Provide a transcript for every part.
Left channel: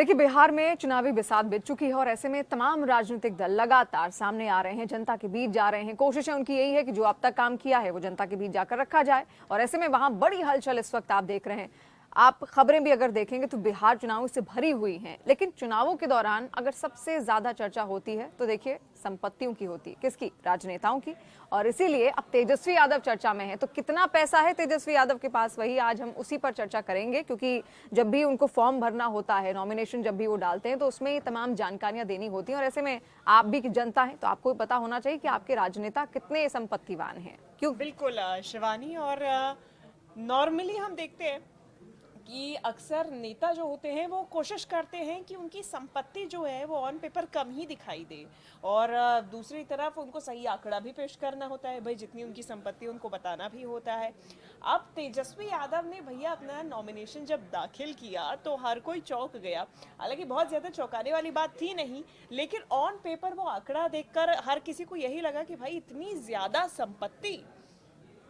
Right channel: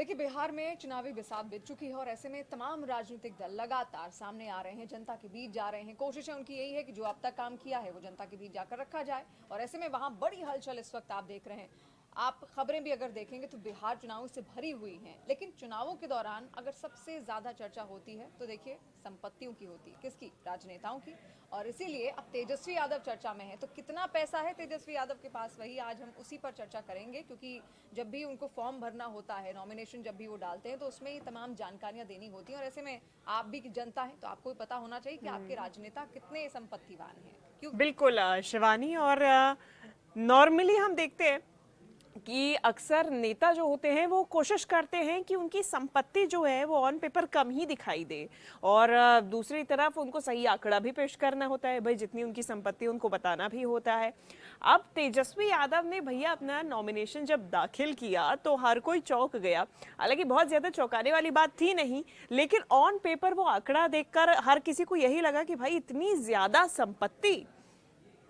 देखिए, बिहार में चुनावी बिसात बिछ चुकी है और ऐसे में तमाम राजनीतिक दल लगातार सामने आ रहे हैं, जनता के बीच जा रहे हैं। कोशिशें उनकी यही है कि जो अब तक काम किया है वो जनता के बीच जाकर रखा जाए और ऐसे में वहां बड़ी हलचल इस वक्त आप देख रहे हैं। आप खबरें भी अगर देखेंगे तो बिहार चुनावों से भरी हुई हैं, लेकिन चुनावों के दौरान अगर सबसे ज्यादा चर्चा होती है तो देखिए संपत्तियों की होती है। किसकी? राजनेताओं की। और इसीलिए अब तेजस्वी यादव चर्चा में है। तो कितना पैसा है तेजस्वी यादव के पास, वही आज हम उसी पर चर्चा करेंगे, क्योंकि जब भी उनको फॉर्म भरना होता है, नॉमिनेशन जब भी वो डालते हैं तो उसमें ये तमाम जानकारियां देनी होती हैं और ऐसे में आप भी जनता है तो आपको पता होना चाहिए कि आपके राजनेता कितने संपत्तिवान हैं। क्यों? बिल्कुल शिवानी। और नॉर्मली हम देखते हैं कि अक्सर नेता जो होते हैं वो कोशिश करते हैं कि उनकी संपत्ति जो है वो ऑन पेपर कम ही दिखाई दे, और दूसरी तरफ उनको सही आंकड़ा भी पेश करना होता है। भाई जितनी उनकी संपत्ति उनको बताना भी होता है। अब तेजस्वी यादव ने भैया अपना नॉमिनेशन जब दाखिल किया तो हर कोई चौंक गया। हालांकि बहुत ज्यादा चौंकाने वाली बात थी नहीं, लेकिन ऑन पेपर वो आंकड़ा देखकर हर किसी को यही लगा कि भाई इतनी ज्यादा संपत्ति।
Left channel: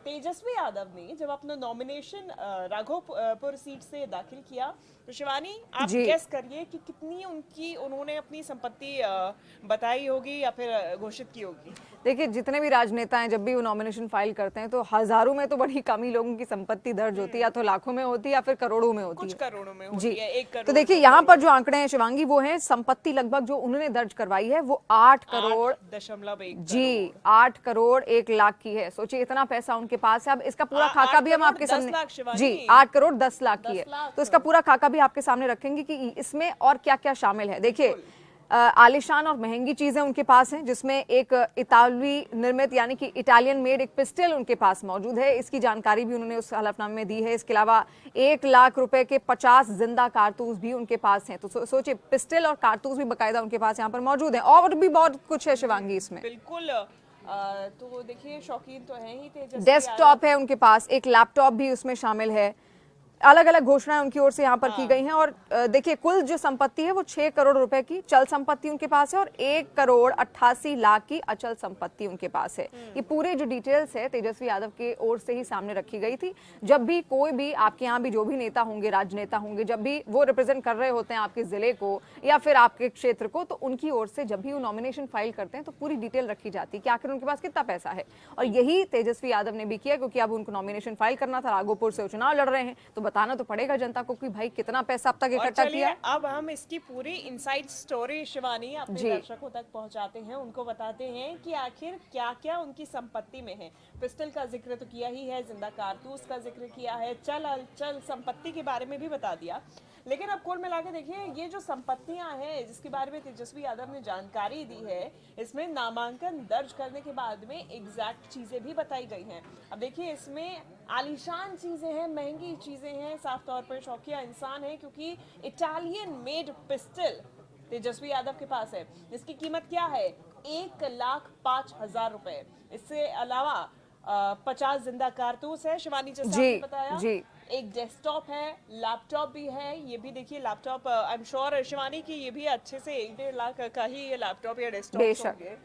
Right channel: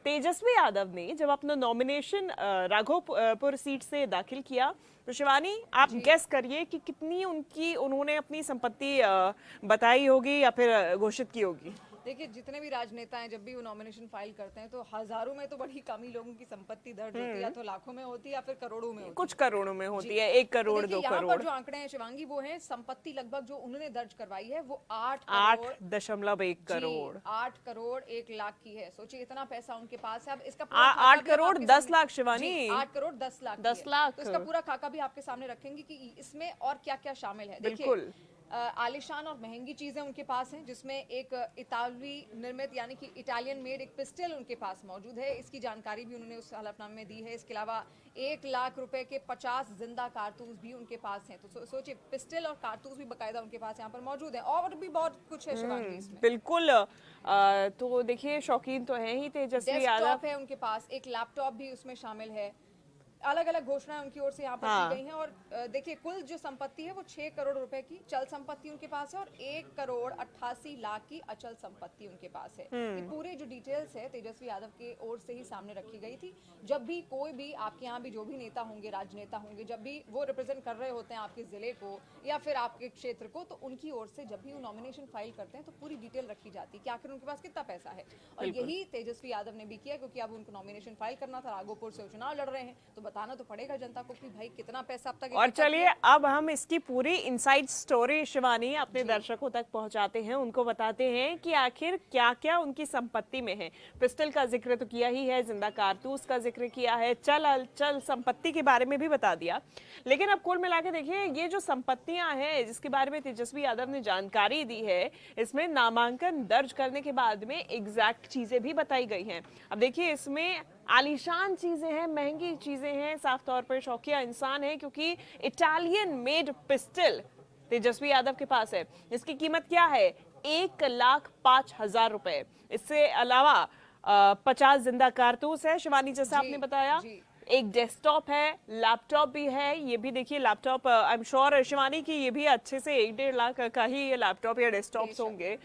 तेजस्वी यादव ने जब अपना नॉमिनेशन राघोपुर सीट से दाखिल किया तो शिवानी आप गेस करिए कि कितनी उन्होंने अपनी संपत्ति बताई होगी या फिर घोषित की होगी। देखिए, जितने भी राजनेता हैं जब भी वो नॉमिनेशन फाइल करते हैं तो हजारों में तो बड़ी कम ही लोगों की संपत्ति दर्ज होती है, या तो लाखों में होती है या फिर करोड़ों में होती है। कुछ करोड़ों में होती है, 1 करोड़। तो देखिए यहाँ पर जो आंकड़े हैं शिवांगी, वो है संपत्ति लगभग जो उन्होंने दर्ज करवाई है वो 8 करोड़ 8.1 जी 8 करोड़ 1 लाख की है। सोचिए इतना पैसा उनके पास है। अब इसका पूरा खाका भी हम आपके सामने जी 8 करोड़ 10 लाख की है, तो इसका पूरा खाका भी आपके सामने रखेंगे कि इसमें और क्या क्या शामिल है। देखिए आलिशान और महंगी चीजें उनके पास हैं, जिसमें एक इतालवी निर्मित यानी कि इटालियन मेड एक पिस्टल उनके पास मौजूद है। इसकी जानकारी भी उन्होंने उस हलफनामे में दी है। इसके अलावा 1 लाख रुपए के 50 जिंदा कारतूस भी उनके पास हैं। तो सोचिए पिस्टल और कारतूस भी बकायदा उनके पास यहाँ पर मौजूद है। और भी बहुत कुछ है शिवांगी इसमें। बिल्कुल। तो देखिए शौकीन तो है ही तेजस्वी। डेस्कटॉप है उनके पास, एक लैपटॉप भी उसमें शामिल है। अलग अलग घोषणाएं उनकी ओर से यहाँ पर की गई हैं। और देखिए कुल जो संपत्ति है वो 6 करोड़ रुपए की चल संपत्ति उनके पास है और 1 करोड़ 88 लाख की अचल संपत्ति उनके पास है। ये पूरे जो डिटेल्स है तेजस्वी यादव के ओर से ही सामने रखी गई थी। जब भी कोई भी आपके यहाँ भी जो भी नेता होंगे, राजनेता होंगे, जब भी वो रिप्रेजेंट कर रहे होते हैं आपके जिले को या फिर आपके क्षेत्र को, तो उनकी ओर से जब भी वो नॉमिनेशन फाइल करते हैं तो पूरी डिटेल रखी जाती है कि आखिर उनके पास कितना पैसा है। और यही तेजस्वी यादव ने भी किया, क्योंकि अब उनको नॉमिनेशन फाइल करना था, राघोपुर से चुनाव लड़ रहे हैं, तो बताना तो पड़ेगा जनता को कि भाई कितना पैसा अब तक इकट्ठा किया। अब हम इसकी पूरी इनसाइड स्टोरी शिवानी अपने दर्शकों तक पहुंचाते हैं, उनको बताते हैं कि आखिर क्या क्या उनकी संपत्ति में है। पिस्टल का जिक्र तो किया ही है, जिंदा कारतूस का जिक्र किया है, चल संपत्ति के बारे में भी बता दिया। लेकिन अब कुल मिला के देखिए ये जो संपत्तियां हैं जिसके बारे में तेजस्वी यादव ने जानकारी दी है, इसमें नामांकन दर्ज करने के बाद में एग्जैक्ट चीजें भी बताई गई हैं। अब देखिए इसमें आलीशान चीजें हैं, महंगी चीजें हैं, साफ तौर पर शौकिया इंसान है, क्योंकि Italian made pistol Tejashwi Yadav के पास है। इसकी कीमत क्या है? 1,05,000 रुपए। इससे अलावा 50 जिंदा कारतूस है शिवानी, जैसा आपने बताया। एक डेस्कटॉप है, लैपटॉप भी है। ये भी देखिए laptop I am sure Shivani की ये भी अच्छे से 1-1.5 लाख का ही लैपटॉप या डेस्कटॉप होंगे।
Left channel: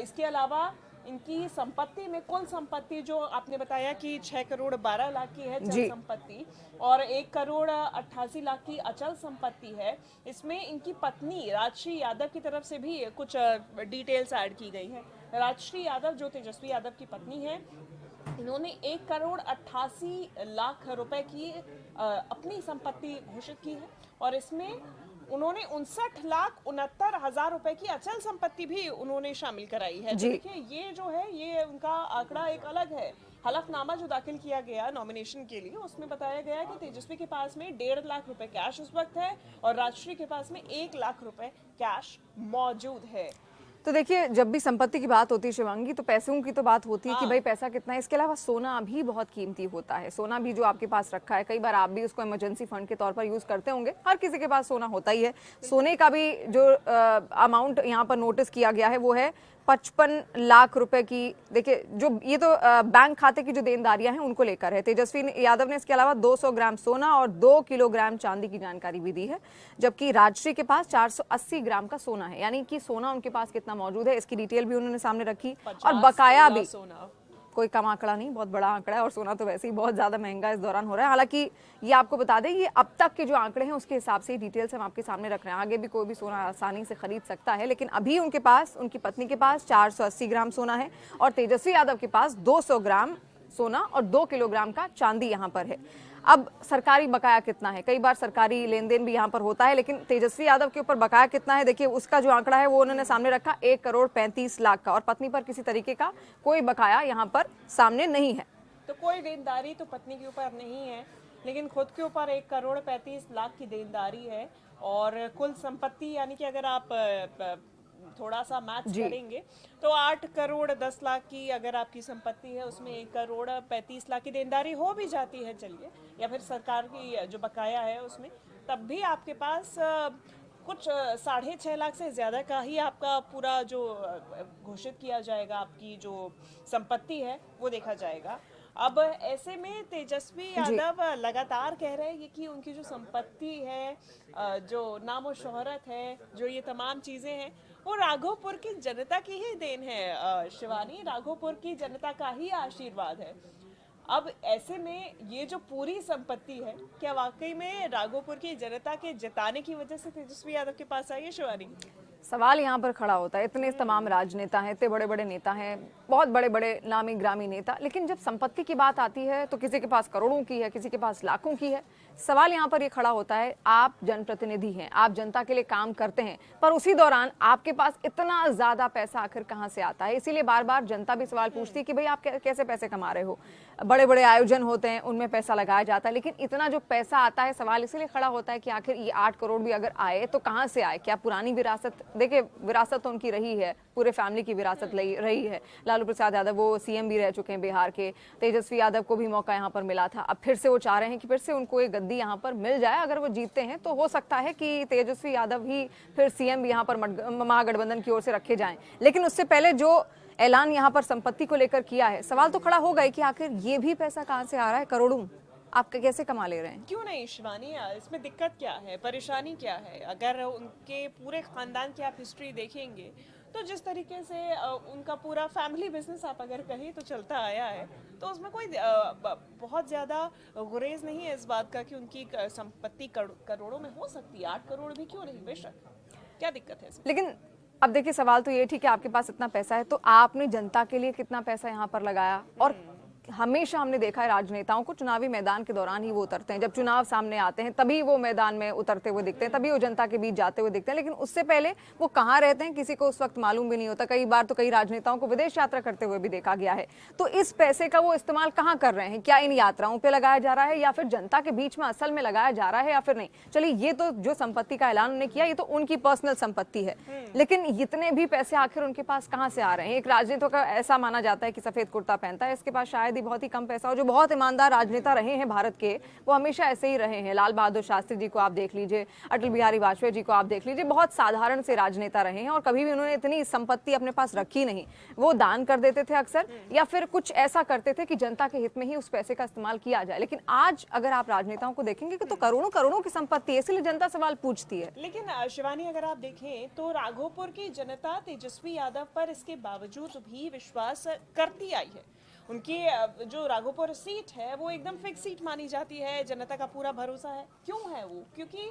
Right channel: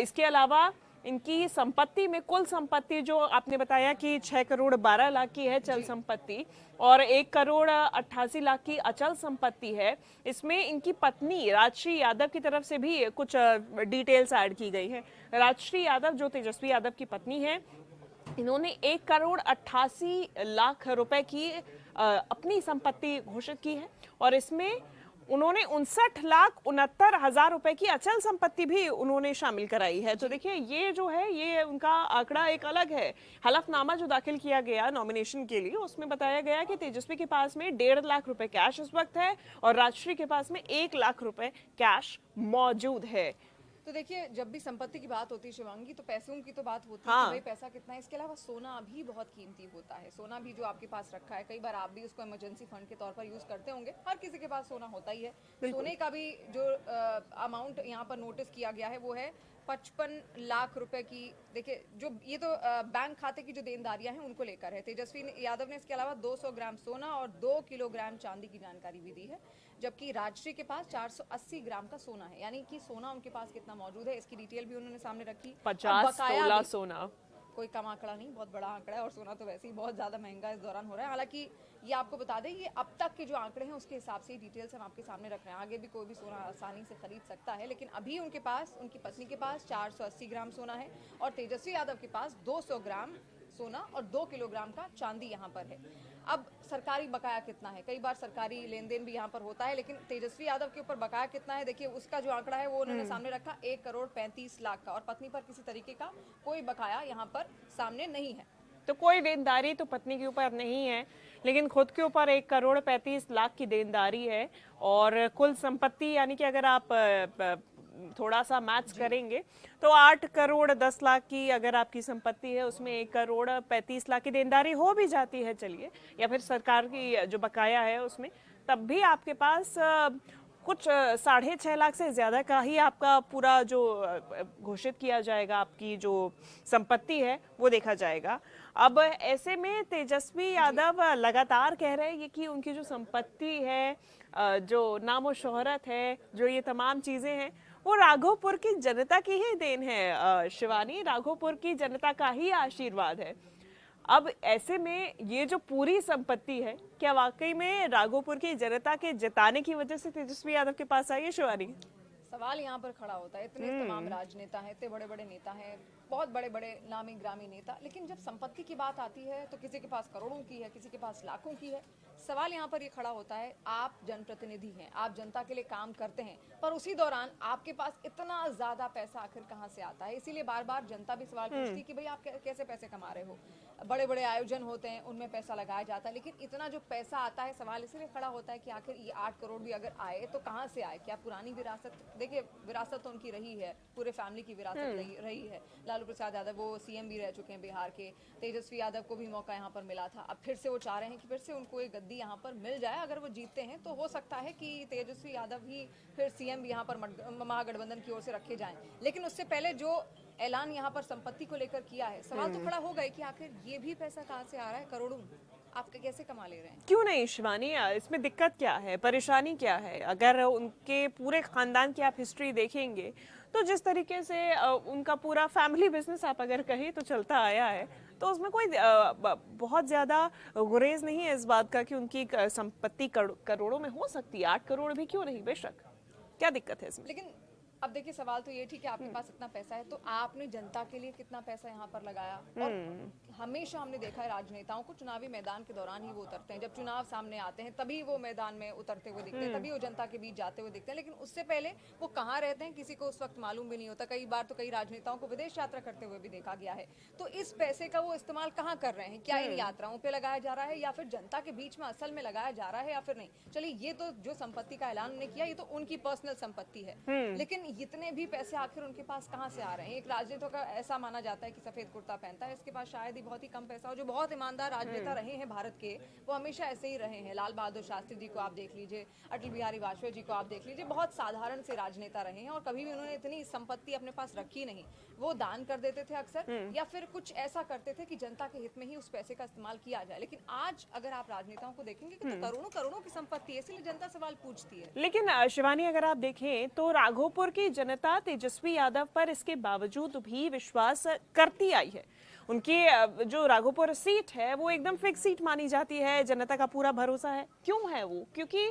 इसके अलावा इनकी संपत्ति में कुल संपत्ति जो आपने बताया कि 6 करोड़ 12 लाख की है चल संपत्ति और 1 करोड़ 88 लाख की अचल संपत्ति है। इसमें इनकी पत्नी राजश्री यादव की तरफ से भी कुछ डिटेल्स ऐड की गई है। राजश्री यादव जो तेजस्वी यादव की पत्नी है, इन्होंने 1 करोड़ 88 लाख रुपए की अपनी संपत्ति घोषित की है और इसमें उन्होंने 59,69,000 रुपए की अचल संपत्ति भी उन्होंने शामिल कराई है। तो देखिए ये जो है ये उनका आंकड़ा एक अलग है। हलफनामा जो दाखिल किया गया नॉमिनेशन के लिए उसमें बताया गया कि तेजस्वी के पास में 1.5 लाख रुपए कैश इस वक्त है और राजश्री के पास में 1 लाख रुपए कैश मौजूद है। तो देखिए जब भी संपत्ति की बात होती है शिवांगी, तो पैसों की तो बात होती है कि भाई पैसा कितना है। इसके अलावा सोना भी बहुत कीमती होता है। सोना भी जो आपके पास रखा है, कई बार आप भी उसको इमरजेंसी फंड के तौर पर यूज करते होंगे। हर किसी के पास सोना होता ही है। सोने का भी जो अमाउंट यहाँ पर नोटिस किया गया है वो है 55 लाख रुपए की। देखिए जो ये तो बैंक खाते की जो देनदारियां हैं उनको लेकर है। तेजस्वी यादव ने इसके अलावा 200 ग्राम सोना और 2 किलोग्राम चांदी की जानकारी भी दी है, जबकि राजश्री के पास 480 ग्राम का सोना है। यानी कि सोना उनके पास कितना मौजूद है इसकी डिटेल भी उन्होंने सामने रखी और बकाया भी कोई कम आंकड़ा नहीं, बहुत बड़ा आंकड़ा है और सोना तो वैसे ही बहुत ज्यादा महंगा इस दौरान हो रहा है। हालांकि ये आपको बता दें, ये अब तक के जो आंकड़े हैं उसके हिसाब से डिटेल्स हम आपके सामने रख रहे हैं। आगे भी कोई भी सोना आसानी से खरीद सकता है, लेकिन अभी उनके पास, उनकी पत्नी के पास 480 ग्राम सोना है और तेजस्वी यादव के पास 200 ग्राम सोना और 2 किलोग्राम का चांदी यहाँ पर है। अब सरकारी बकाया कितना है, कई बार सरकारी लेन देन भी यहाँ पर होता है, लेकिन तेजस्वी यादव के ऊपर बकाया कितना है देखिए, उसका जो आंकड़ा है वो उन्होंने सामने रखा 1,35,00,000 का, और पत्नी पर किसी तरीके का कोई बकाया यहाँ पर सामने नहीं है। तो कोई देनदारी तो पत्नी के ऊपर नहीं है, लेकिन खुद के ऊपर 1,35,00,000 की देनदारी है। और कुल संपत्ति यानी कि अगर आप थोड़ा सा मैथ्स करेंगे तो 8,10,00,000 की अगर आपकी संपत्ति है, उसमें 1,35,00,000 की देनदारी हो भी जाती है, चलिए, या फिर सरकार की जो बकाया है उसमें, तब भी आपके पास कुछ 6.5 लाख से ज्यादा का ही आपका पूरा जो घोषित किया जाएगा, आपकी जो संपत्ति है वो देखा जाएगा। अब ऐसे में तेजस्वी यादव लगातार कह रहे हैं कि उनकी जो संपत्ति है, जो नामो शोहरत है, जो ये तमाम चीजें हैं, वो राघोपुर की जनता की ही देन है। शिवानी, राघोपुर की जनता का ही आशीर्वाद है। अब ऐसे में ये जो पूरी संपत्ति है, क्या वाकई में राघोपुर की जनता के जिताने की वजह से तेजस्वी यादव के पास आई है शिवानी? सवाल यहाँ पर खड़ा होता है, इतने तमाम राजनेता हैं, इतने बड़े बड़े नेता हैं, बहुत बड़े बड़े नामी ग्रामी नेता, लेकिन जब संपत्ति की बात आती है तो किसी के पास करोड़ों की है, किसी के पास लाखों की है। सवाल यहाँ पर ये खड़ा होता है, आप जनप्रतिनिधि हैं, आप जनता के लिए काम करते हैं, पर उसी दौरान आपके पास इतना ज्यादा पैसा आखिर कहाँ से आता है? इसीलिए बार बार जनता भी सवाल पूछती है कि भाई आप कैसे पैसे कमा रहे हो। बड़े बड़े आयोजन होते हैं, उनमें पैसा लगाया जाता है, लेकिन इतना जो पैसा आता है, सवाल इसीलिए खड़ा होता है कि आखिर ये 8 करोड़ भी अगर आए तो कहाँ से आए? क्या पुरानी विरासत, देखिए विरासत तो उनकी रही है, पूरे फैमिली की विरासत रही है। लालू प्रसाद यादव वो सीएम भी रह चुके हैं बिहार के, तेजस्वी यादव को भी मौका यहाँ पर मिला था, अब फिर से वो चाह रहे हैं कि फिर से उनको एक गद्दी यहाँ पर मिल जाए। अगर वो जीतते हैं तो हो सकता है कि तेजस्वी यादव ही फिर सीएम भी यहाँ पर महागठबंधन की ओर से रखे जाएं, लेकिन उससे पहले जो ऐलान यहाँ पर संपत्ति को लेकर किया है, सवाल तो खड़ा हो गए कि आखिर ये भी पैसा कहाँ से आ रहा है, करोड़ों आप कैसे कमा ले रहे हैं? क्यों नहीं शिवानी, इसमें दिक्कत क्या है, परेशानी क्या है? अगर उनके पूरे खानदान की आप हिस्ट्री देखेंगे तो जिस तरीके से उनका पूरा फैमिली बिजनेस आप अगर कहें तो चलता आया है, तो उसमें कोई बहुत ज्यादा गुरेज नहीं है इस बात का कि उनकी संपत्ति करोड़ों में हो सकती है। 8 करोड़ भी क्यों नहीं, बेशक, क्या दिक्कत है इसमें? लेकिन अब देखिए सवाल तो ये ठीक है, आपके पास इतना पैसा है तो आपने जनता के लिए कितना पैसा यहाँ पर लगाया? और हमेशा हमने देखा है राजनेताओं को चुनावी मैदान के दौरान ही वो उतरते हैं, जब चुनाव सामने आते हैं तभी वो मैदान में उतरते हुए दिखते हैं, तभी वो जनता के बीच जाते हुए दिखते हैं, लेकिन उससे पहले वो कहाँ रहते हैं किसी को उस वक्त मालूम भी नहीं होता। कई बार तो कई राजनेताओं को विदेश यात्रा करते हुए भी देखा गया है। तो इस पैसे का वो इस्तेमाल कहाँ कर रहे हैं? क्या इन यात्राओं पे लगाया जा रहा है या फिर जनता के बीच में असल में लगाया जा रहा है या फिर नहीं? चलिए, ये तो जो संपत्ति का ऐलान उन्होंने किया ये तो उनकी पर्सनल संपत्ति है, लेकिन इतने भी पैसे आखिर उनके पास कहाँ से आ रहे हैं? एक राजनेता का ऐसा माना जाता है कि सफेद कुर्ता पहनता है, इसके पास शायद ही बहुत ही कम पैसा, जो बहुत ईमानदार राजनेता रहे हैं भारत के, वो हमेशा ऐसे ही रहे हैं। लाल बहादुर शास्त्री जी को आप देख लीजिए, अटल बिहारी वाजपेयी जी को आप देख लीजिए, बहुत साधारण से राजनेता रहे हैं और कभी भी उन्होंने इतनी संपत्ति अपने पास रखी नहीं। वो दान कर देते थे अक्सर, या फिर कुछ ऐसा करते थे कि जनता के हित में ही उस पैसे का इस्तेमाल किया जाए। लेकिन आज अगर आप राजनेताओं को देखेंगे कि तो करोड़ों करोड़ों की संपत्ति है, इसलिए जनता सवाल पूछती है। लेकिन शिवानी, अगर आप देखें तो राघोपुर की जनता तेजस्वी यादव पर इसके बावजूद भी विश्वास करती आई है। उनकी जो राघोपुर सीट है वो एकदम फिक्स सीट मानी जाती है, जनता का पूरा भरोसा है। क्यों है वो? क्योंकि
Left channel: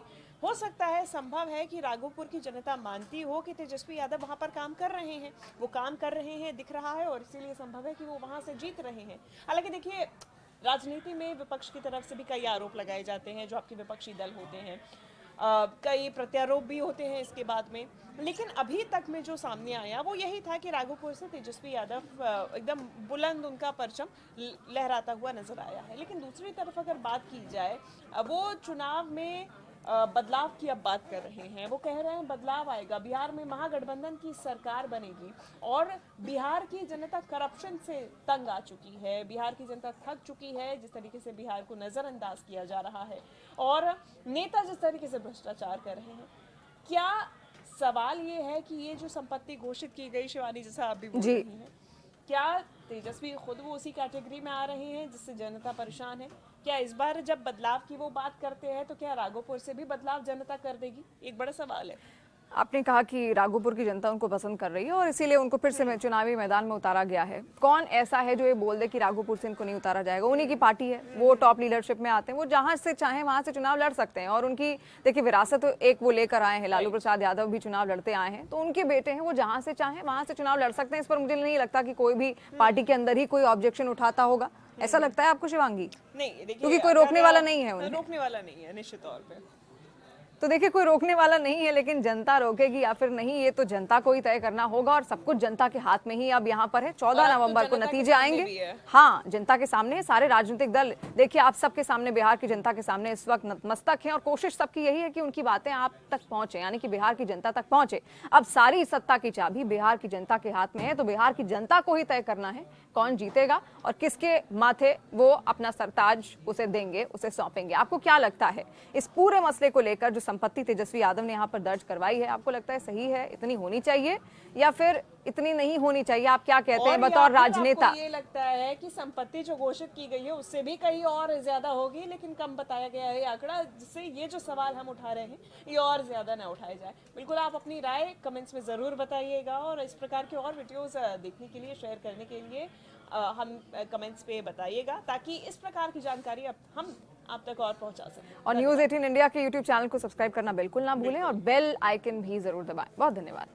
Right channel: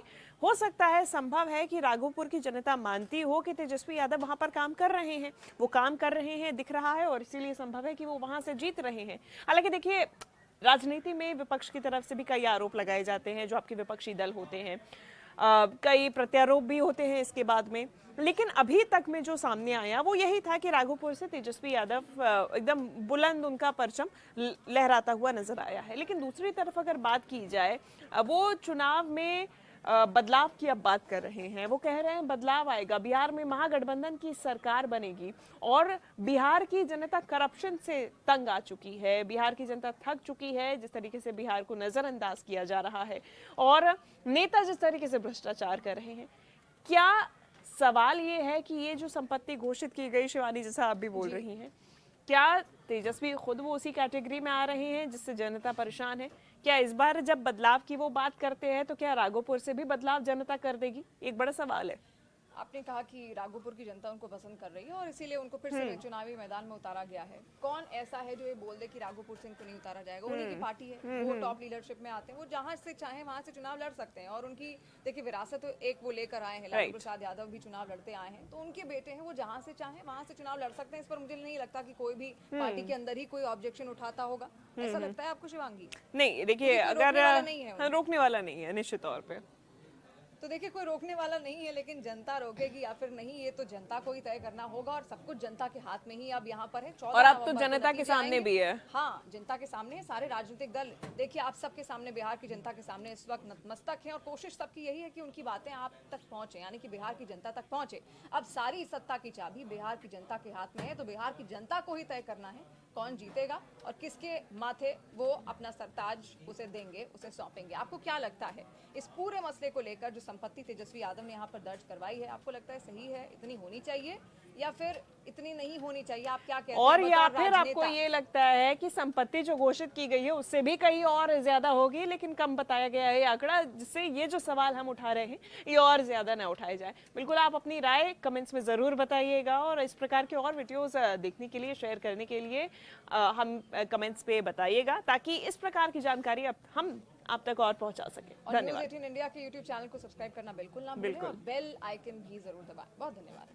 हो सकता है, संभव है कि राघोपुर की जनता मानती हो कि तेजस्वी यादव वहां पर काम कर रहे हैं, वो काम कर रहे हैं, दिख रहा है, और इसीलिए संभव है कि वो वहां से जीत रहे हैं। हालांकि देखिए, राजनीति में विपक्ष की तरफ से भी कई आरोप लगाए जाते हैं, जो आपके विपक्षी दल होते हैं, कई प्रत्यारोप भी होते हैं इसके बाद में, लेकिन अभी तक में जो सामने आया वो यही था कि राघोपुर से तेजस्वी यादव एकदम बुलंद उनका परचम लहराता हुआ नजर आया है। लेकिन दूसरी तरफ अगर बात की जाए, वो चुनाव में बदलाव की अब बात कर रहे हैं, वो कह रहे हैं बदलाव आएगा, बिहार में महागठबंधन की सरकार बनेगी, और बिहार की जनता करप्शन से तंग आ चुकी है, बिहार की जनता थक चुकी है जिस तरीके से बिहार को नजरअंदाज किया जा रहा है और नेता जिस तरीके से भ्रष्टाचार कर रहे हैं। क्या सवाल ये है कि ये जो संपत्ति घोषित की गई, शिवानी जैसा आप भी बोल रही हैं, क्या तेजस्वी खुद वो उसी कैटेगरी में आ रहे हैं जिससे जनता परेशान है? क्या इस बार जब बदलाव की वो बात करते हैं तो क्या राघोपुर से भी बदलाव जनता कर देगी? एक बड़ा सवाल है। आपने कहा कि राघोपुर की जनता उनको पसंद कर रही है और इसीलिए उनको फिर से चुनावी मैदान में उतारा गया है। कौन ऐसा है जो ये बोल दे कि राघोपुर से इनको नहीं उतारा जाएगा? उन्हीं की पार्टी है, वो टॉप लीडरशिप में आते हैं, वो जहां से चाहे वहां से चुनाव लड़ सकते हैं। और उनकी देखिए विरासत तो एक वो लेकर आए हैं, लालू प्रसाद यादव भी चुनाव लड़ते आए हैं, तो उनके बेटे हैं, वो जहां से चाहे वहां से चुनाव लड़ सकते हैं। इस पर मुझे नहीं लगता कि कोई भी पार्टी के अंदर ही कोई ऑब्जेक्शन उठाता होगा। ऐसा लगता है आपको शिवांगी? नहीं, देखिए कोई रोकने वाला नहीं है उन्हें। रोकने वाला नहीं है निश्चित तौर पे। तो देखिए कोई रोकने वाला नहीं है, लेकिन जनता रोकेगी या फिर नहीं ये तो जनता को ही तय करना होगा। और सब कुछ जनता के हाथ में ही अब यहाँ पर है। 14 नवंबर को नतीजे आएंगे। हाँ, जनता के सामने सारे राजनीतिक दल, देखिए आप सबके सामने, बिहार की जनता के सामने इस वक्त नतमस्तक हैं और कोशिश सबकी यही है कि उनकी बातें आप तक पहुंचे, यानी कि बिहार की जनता तक पहुंचे। अब सारी सत्ता की चाबी बिहार की जनता के हाथ में है, तो बिहार की जनता को ही तय करना है कौन जीतेगा और किसके माथे वो अपना सरताज उसे देंगे, उसे सौंपेंगे। आपको क्या लगता है इस पूरे मसले को लेकर जो संपत्ति तेजस्वी यादव ने यहाँ पर दर्ज करवाई है, आपको लगता है सही है, इतनी होनी चाहिए या फिर इतनी नहीं होनी चाहिए? आप क्या कहते हैं बतौर राजनेता? ये लगता है कि संपत्ति जो घोषित की गई है उससे भी कहीं और ज्यादा होगी, लेकिन कम बताया गया है आंकड़ा, जिससे ये जो सवाल हम उठा रहे हैं ये और ज्यादा ना उठाए जाए। बिल्कुल आप अपनी राय कमेंट्स में जरूर बताइएगा और इस प्रकार के और वीडियोस देखने के लिए, शेयर करने के लिए हम कमेंट्स पे बताइएगा, ताकि इस प्रकार की जानकारी हम आप तक और पहुंचा सकें। और न्यूज़ 18 इंडिया के यूट्यूब चैनल को सब्सक्राइब करना बिल्कुल ना भूलें और बेल आइकन भी जरूर दबाएं। बहुत धन्यवाद।